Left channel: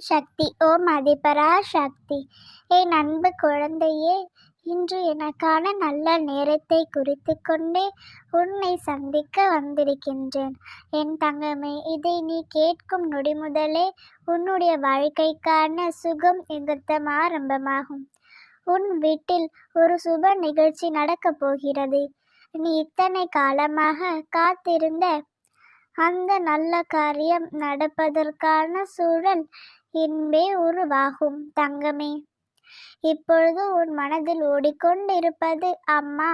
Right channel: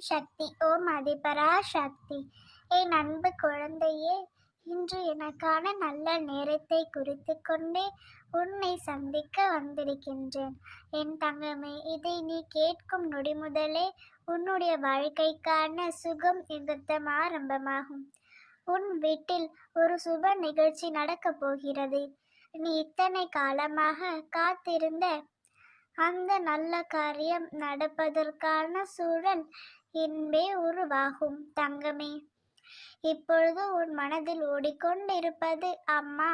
சக்தி. ஓம் அதிபரா சக்தி. என் அன்பு குழந்தையே இன்று எனக்கான நல்ல நேரத்தை குறித்து கொண்டே உன்னை சந்திக்க வந்திருக்கின்றேன். என் தங்கமே இதை நீ கேட்கும் நொடி முதலே உன்னுடைய வாழ்க்கைக்கான சுகம் எங்கத்தம் ஆரம்பமாகும். உன் வீட்டில் ஒரு சுப நிகழ்ச்சி நடக்கப் போகிறது. நீ இத்தனை காலமாக காத்திருந்த அந்த நல்ல காரியம் நடப்பதற்கான சூழல் இன்பே உருவாகும் தங்கமே. இப்பொழுது உன் மனதில் ஓடிக்கொண்டிருப்பது அம்மா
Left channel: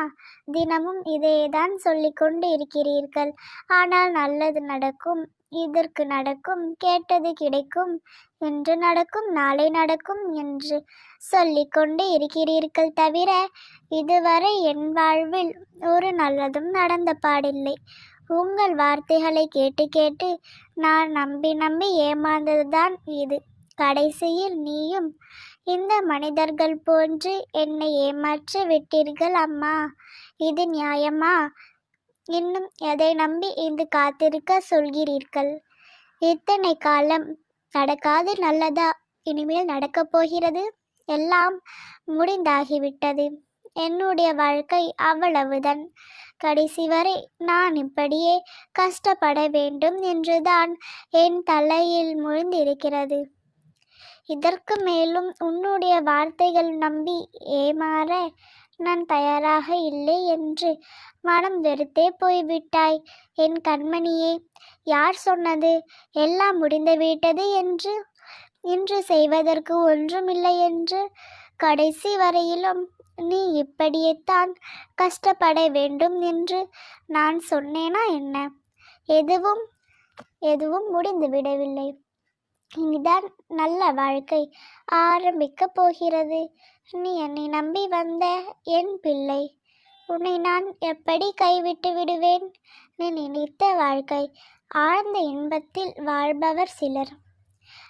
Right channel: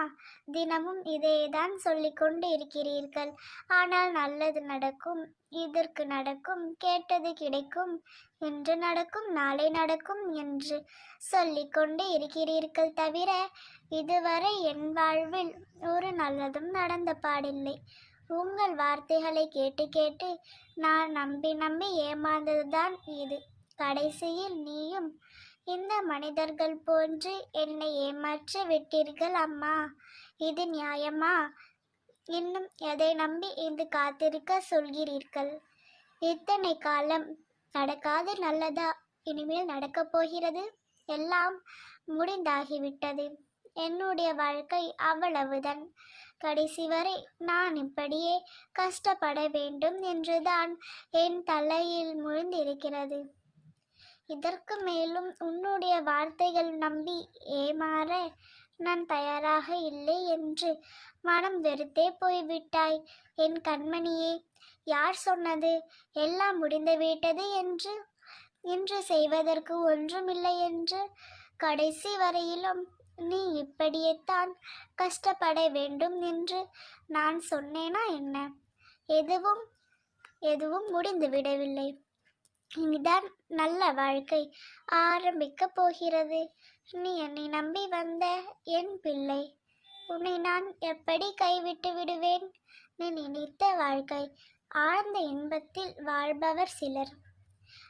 தினமும் இதையேதான் சொல்லிக்கொண்டு இருக்கிறீர்கள் ஆனால் நல்லது நடக்கும் இதற்கு நடக்கும் கேட்டது கிடைக்கும் இன்று நடக்கும் நாளை நடக்கும் என்று சொல்லிக்கொண்டு இருக்கிறீர்கள் தவிர இதுவரை என் வாழ்வில் ஒரு நல்லதும் நடந்த பாடில்லை. உங்கள் வார்த்தைகளை கேட்டு கேட்டு நான் நம்பி நம்பி ஏமாந்ததுதான் இது. கடைசியில் நீயும் இந்த மனிதர்கள் போன்று என்னை ஏமாற்றி விட்டீர்கள் அம்மா. இது நியாயமா? இன்னும் எதை நம்பி இங்கு காத்திருக்க சொல்கிறீர்கள்? இத்தனை காலம் நடக்காது நல்லதா? இனிமேல் நடக்கப் போகிறது? எல்லாம் முடிந்தாகிவிட்டது. என்னுடைய வாழ்க்கை அவ்வளவுதான். கடைசி வரை நான் இப்படியே கஷ்டப்பட வேண்டும் என்றுதான் என் தலையில் முழுந்திருக்கிறது. இதற்கு மேலும் உன்னுடைய வார்த்தைகள் நம்பி ஏமாற நான் தயாராக இல்லை என்று மனம் வெறுத்தே போய்விட்டாய். என் கண்மணியே யார் சொன்னது? எல்லாம் முடிந்துவிட்டது என்று இன்று செய்வதற்கு ஒன்றுமில்லை என்று கடைசி வரையிலும் நீ இப்படியேத்தான் கஷ்டப்பட வேண்டும் என்று நான் சொன்னேனா என்ன? எதுவும் எதுவும் முடிந்து விடவில்லை. இனிதான் நல்ல வாழ்க்கை ஆரம்பிக்கப் போகிறது. நீ என்னை நம்பி வந்த என் பிள்ளை. உன்னை நான் எப்படி கைவிட்டு விடுவேன்? நீ நினைத்த வாழ்க்கை ஆழ்ந்த இன்பத்தில் வாழ்பவர் சிலர்.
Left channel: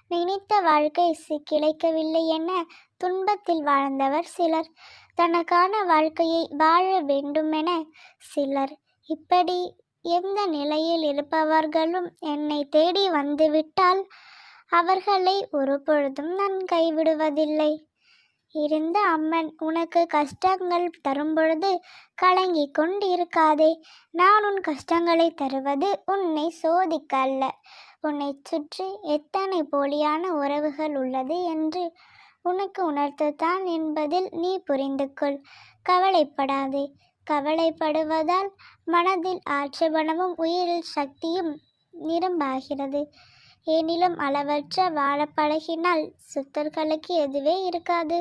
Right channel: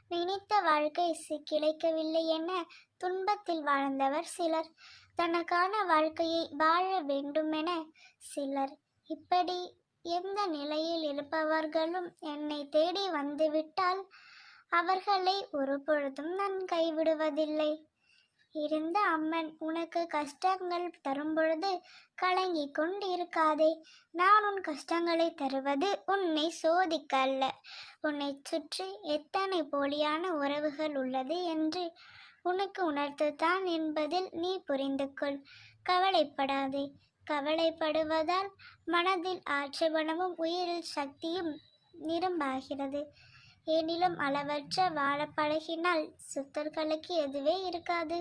நினைத்த வாழ்க்கை கிடைக்கவில்லை என துன்பத்தில் வாழ்ந்தவர் சிலர். தனக்கான வாழ்க்கையை வாழ வேண்டுமென சிலர். இப்படி எந்த நிலையில் இருப்பவர்களும் என்னை தேடி வந்துவிட்டால் அவர்களை ஒருபொழுதும் நான் கைவிடுவதில்லை. இருந்த அம்மன் உனக்கு கஷ்டங்கள் தரும்பொழுது கலங்கி கொண்டிருக்காதே. நான் உன் கஷ்டங்களை தருவது உன்னை சோதிக்க அல்ல உன்னை சுற்றி எத்தனை போலியான உறவுகள் உள்ளது என்று உனக்கு உணர்த்துத்தான் என்பதில் நீ புரிந்து கொள் கவலைப்படாதே. கவலைப்படுவதால் மனதில் ஆட்சேபணமும் உயிரில் சக்தியும் நிரம்பாகிறது. எனினும் அளவற்ற வாழ பழகினால் சுத்தர்களுக்கு எதுவே இருக்காது.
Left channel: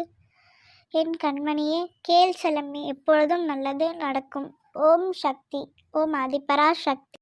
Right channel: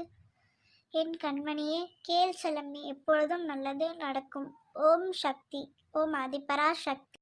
என் கண்மணியே கேள் செலமே எப்பொழுதும் நல்லது நடக்கும். ஓம் சக்தி. ஓம் அதிபரா சக்தி.